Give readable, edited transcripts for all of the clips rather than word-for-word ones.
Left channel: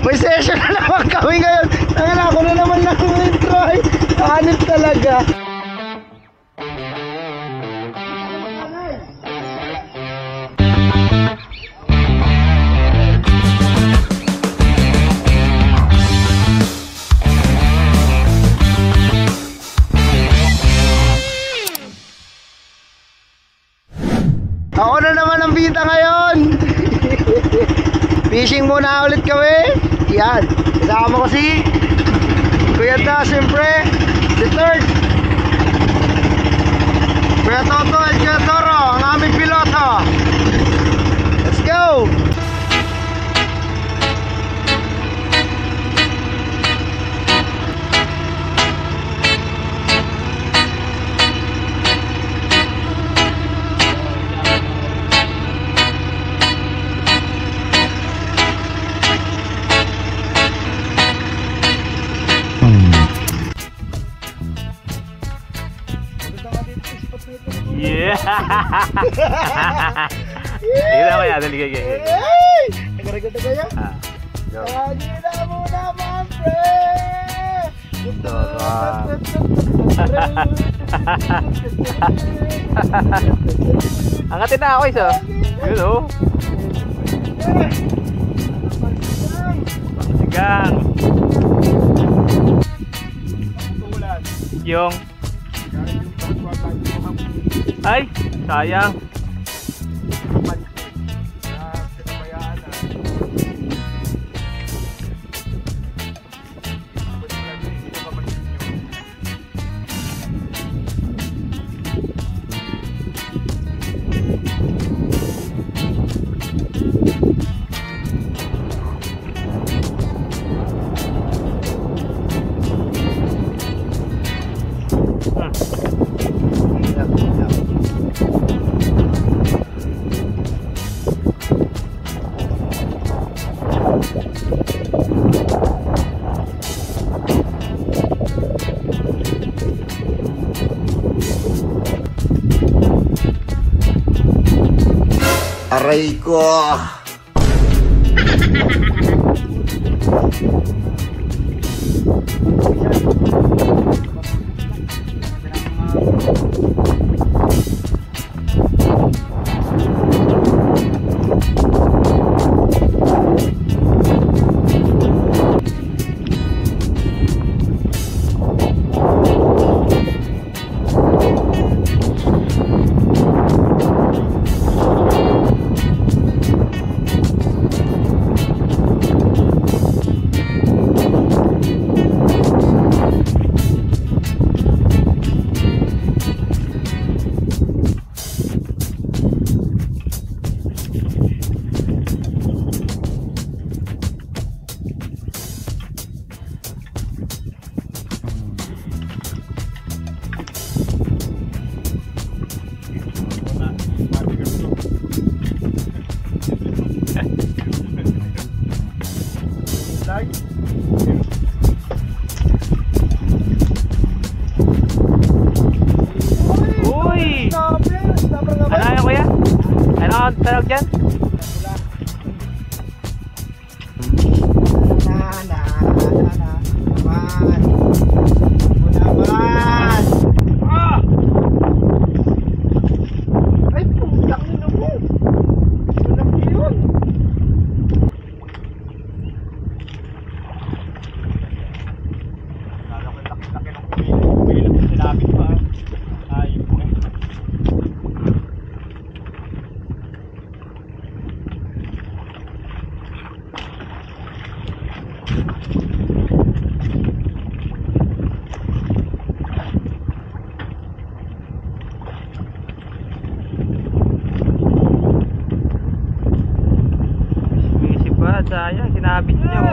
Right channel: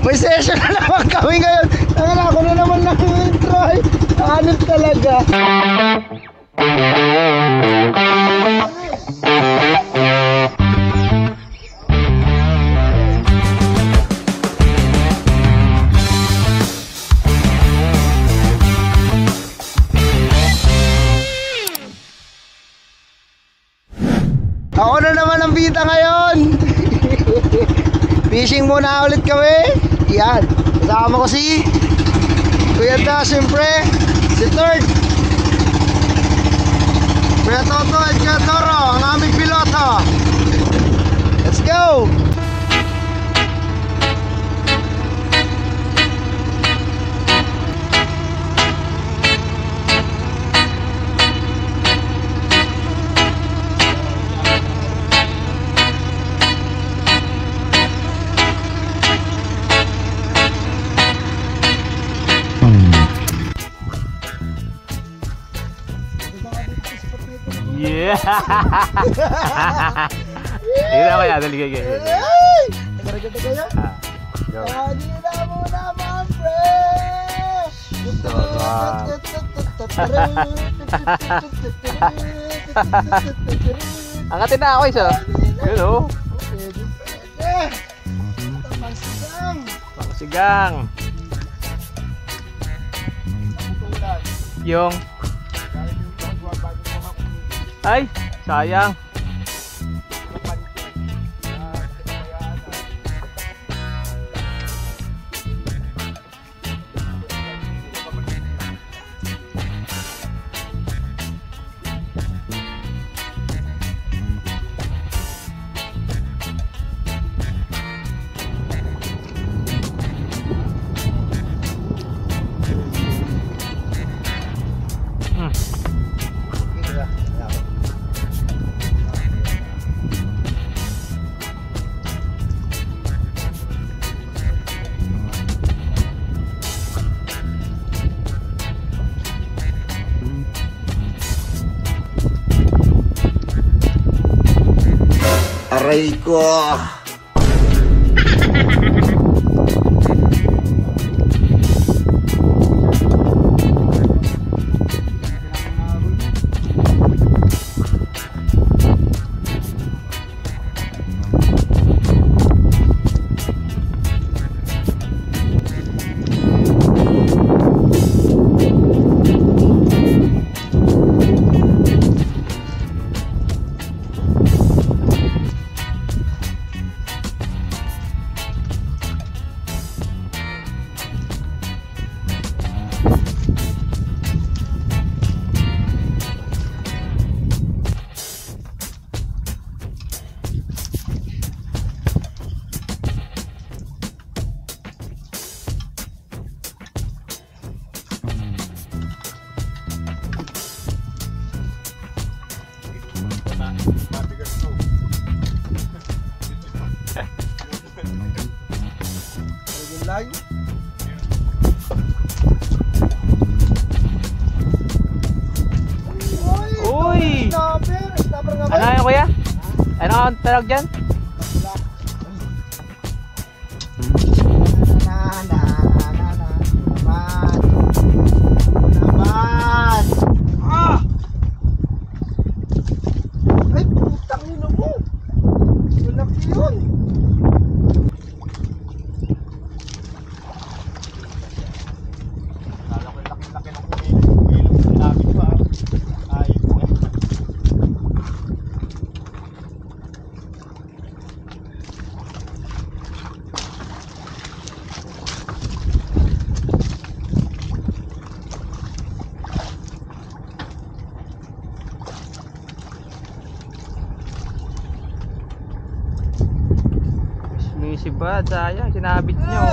May session na naman kami ngayon. Tangina, ako na naman intro ay. Hanip talaga. Ako na naman ang bida ngayon. Fishing muna ulit kami. Yan. Kasama ko si Kuya Da, siyempre. Si Third. Kuya Toto at Kuya Toro, ang aming piloto. Let's go! Yeah. Ini apa ya tadi kayak gitu. Negara-negara kaya. Go. Lagi na muna, mamre. Angkatin na ako isa. Yun oh. Sigang. Yung. Ay, sayang. Aray ko. Uy! Ano yan kuya? Ano ang tawag dyan? Ay, putang ina mo. Walang yun. Laki ng kumilip sinabit pa. Ay, exclusive ba? Sayang, sinabit nyo.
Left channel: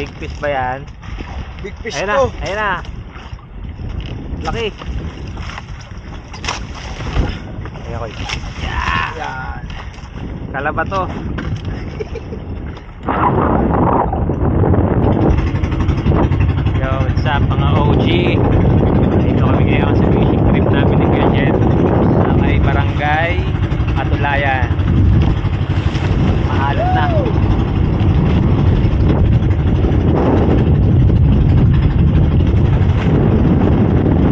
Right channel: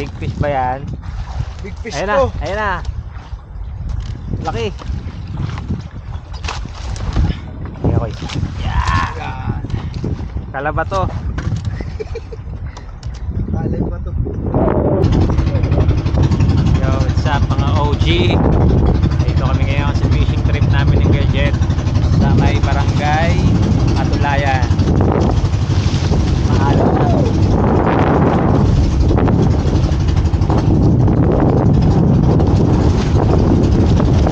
Big fish ba yan? Big fish Ayun na, to. ayun na. Laki. Ayun ako. Yan. Kalaba to. Yo, what's up mga OG? Dito kami ngayon sa fishing trip namin ni Kuya Jet sa may barangay Atulayan. Mahalo na.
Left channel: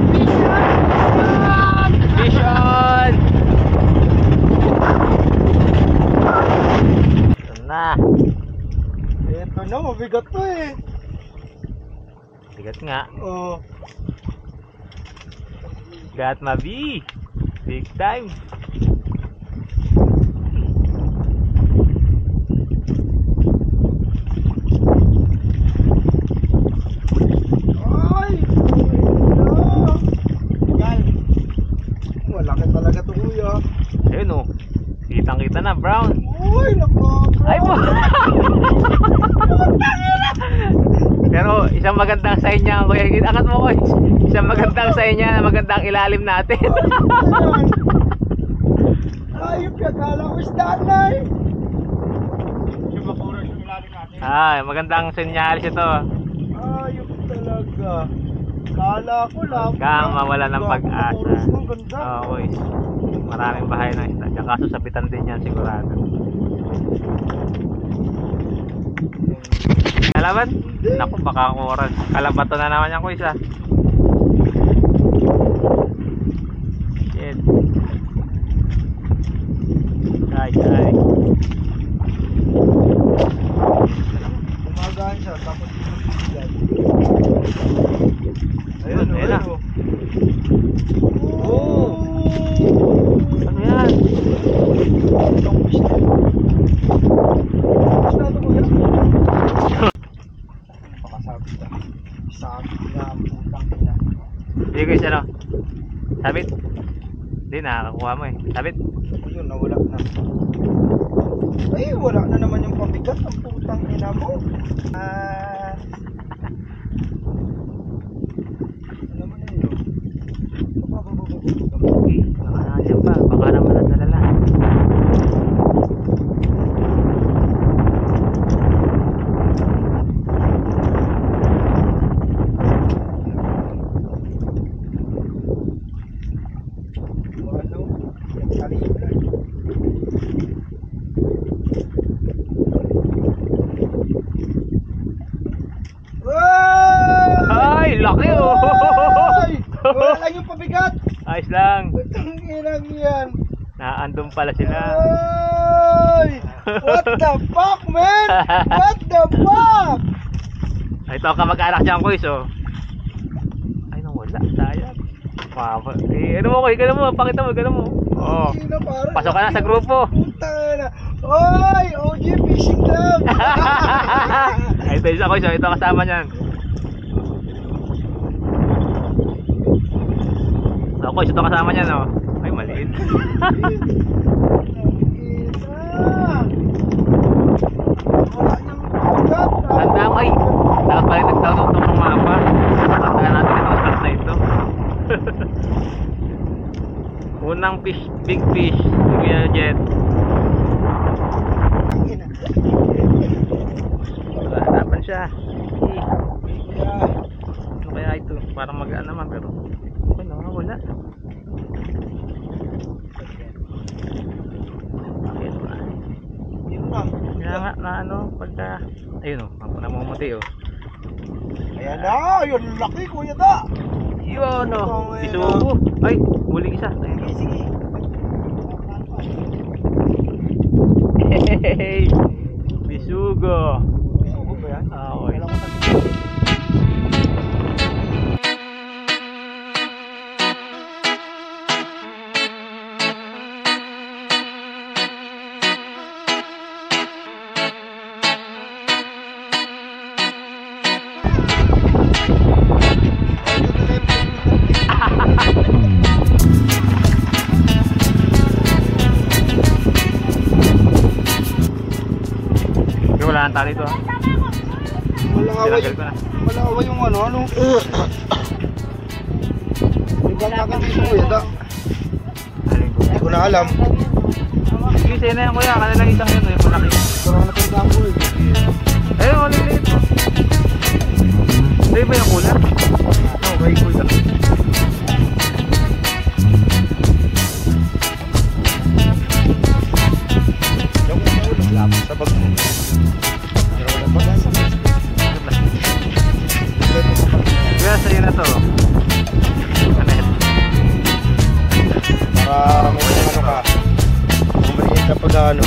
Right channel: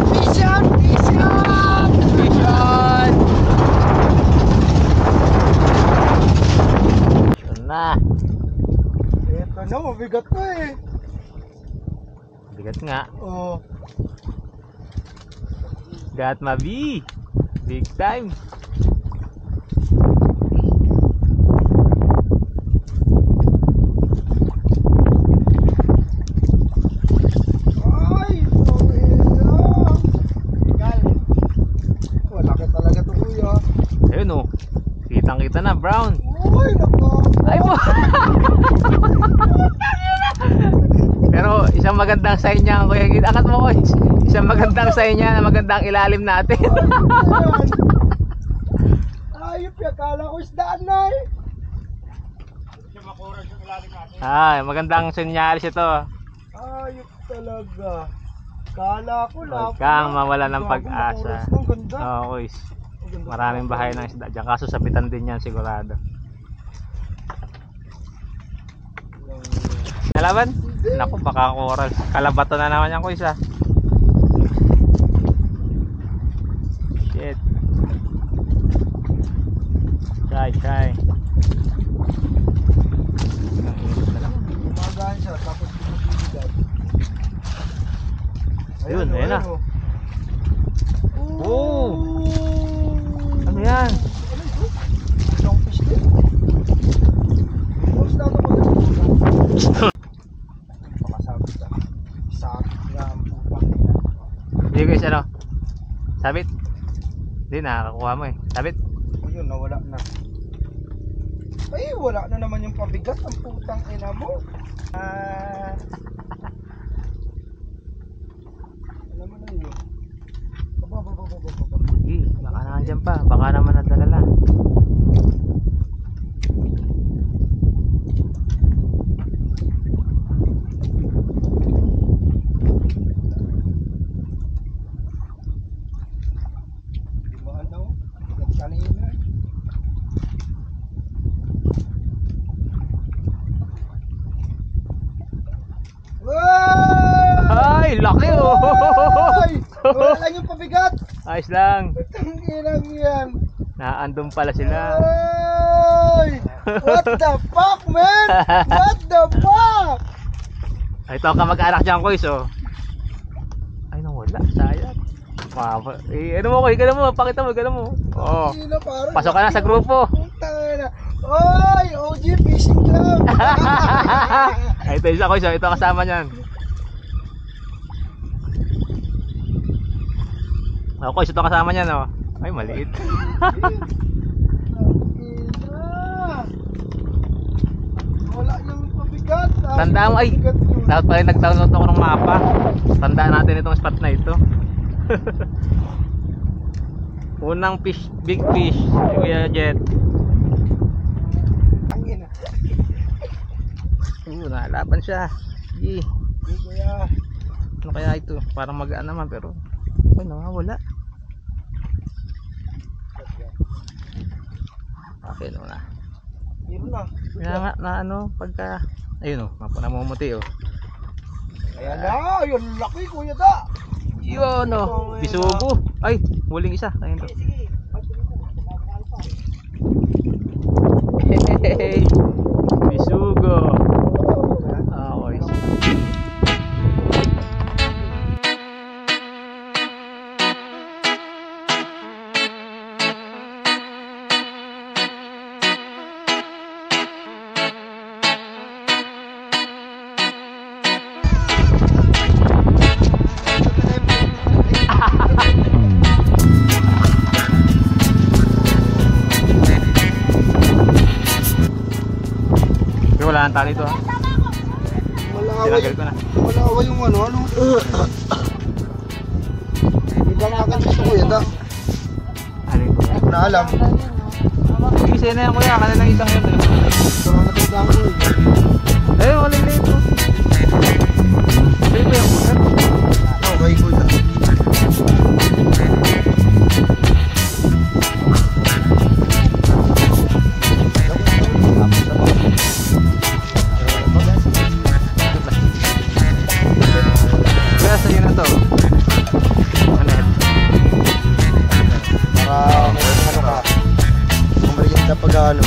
Fish on! Fish on! Fish on! Ito na. Ito na, mabigat to eh. Bigat nga. Oh. Got mabi. Big time. Ay! Gal. Malaki talaga to kuya. Ayun oh. Kitang kita na, brown. Uy, nako. Ay po. Pero isang magandang sign niya, Kuya Gid. Angat mo ko. Isang magandang sign niya na magandang ilalim natin. Ayop, akala ko isdaan na eh. Yung makurang yung ilalim natin. Ay, magandang senyalis ito. Ayop talaga. Kala ko lang. Kang mawala ng pag-asa. Ang ganda. Oo, boys. Maraming bahay ng isda. Diyan kaso sabitan din yan sigurado. Kalaban? Naku, baka oras. Kalabato na naman yan ko isa. Shit. Kay. Gumagaan siya, tapos bibigay. Ayun, ayun na. Oh! Ano yan? Itong fish na. Fish na ito po yan. Pakasabit na. Sabit na ang putang ina. Hindi guys, ano? Sabit? Hindi, nakakakuha mo eh. Sabit? Ayun, nawala na. Ay, wala na naman yung pabigat. Ang putang ina mo. Ano mo na yun? Baka nandiyan pa. Baka naman nadala lang. Ano? Yan kalibre. Ay, laki oh! Ay! Wala lang yung pabigat! Ayos lang. Ang inang yan! Naandun pala sila. Ay! What the fuck, man? What the fuck? Ito ka mag-anak dyan, Koys, oh. Ay, nawala. Sayang. Mama. Eh, ano mo, Koy? Gano'n mo. Pakita mo, gano'n mo. Oo. Ang ina, parang Pasok ka na sa grupo. Puta na. Oy! OG Fishing Club! Ay, ito isa, Koys, oh. Ito kasama niyan. Oh, Koys, ito kasama niyan, oh. Ay, maliit. Wala yung pabigat. Tandaan mo, ay. Dapat pa rin nag-download ng mapa. Tandaan natin itong spot na ito. Unang fish, big fish. Kuya Jet. Ang ina. Naharapan siya. Eh, Kuya. ano kaya ito? Parang magaan naman pero ay, nawawala. Ayun na. Yun lang. Kaya nga na ano pagka ayun oh, namumuti oh. Ayan na, yun laki kuya da. Yun oh, isubo. Ay, muling isa. Ayun. Sige. Hey, bisugo. Okay. wala nang tali ito ha. Malaway. Tinanggal ko na. Malaway yung ano. Ibang akin dito kuya da. Hindi ko na alam. Sige, sa'yo na yan kuya. Kanilang isang yun. Yung malaki. Parang natandaan ko eh. Eh, wala na ito. Sa'yo ba yung una? Okay kuya. Kaya sa'yo na to. Para may ano ka. Kumariin ka pag ano.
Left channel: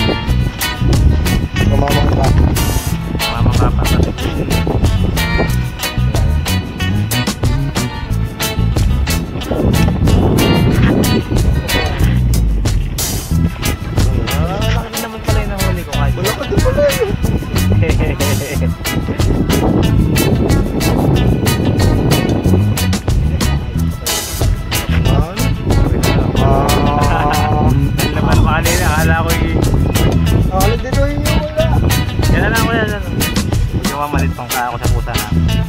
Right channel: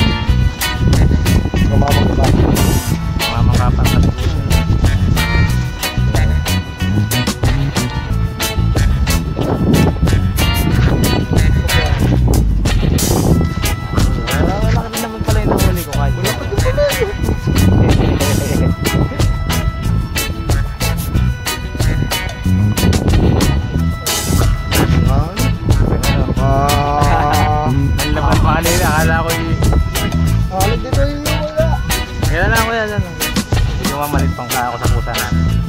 Kumamang ka. Mamang kapat na. Laki naman pala yung nahuli ko kahit. Wala pa din pala eh. Ang laman mali na. Akala ko yung... Alam din o yung wala. Yan na lang ko yan. Hindi ko mamalit pang kaya ko sa pusa namin.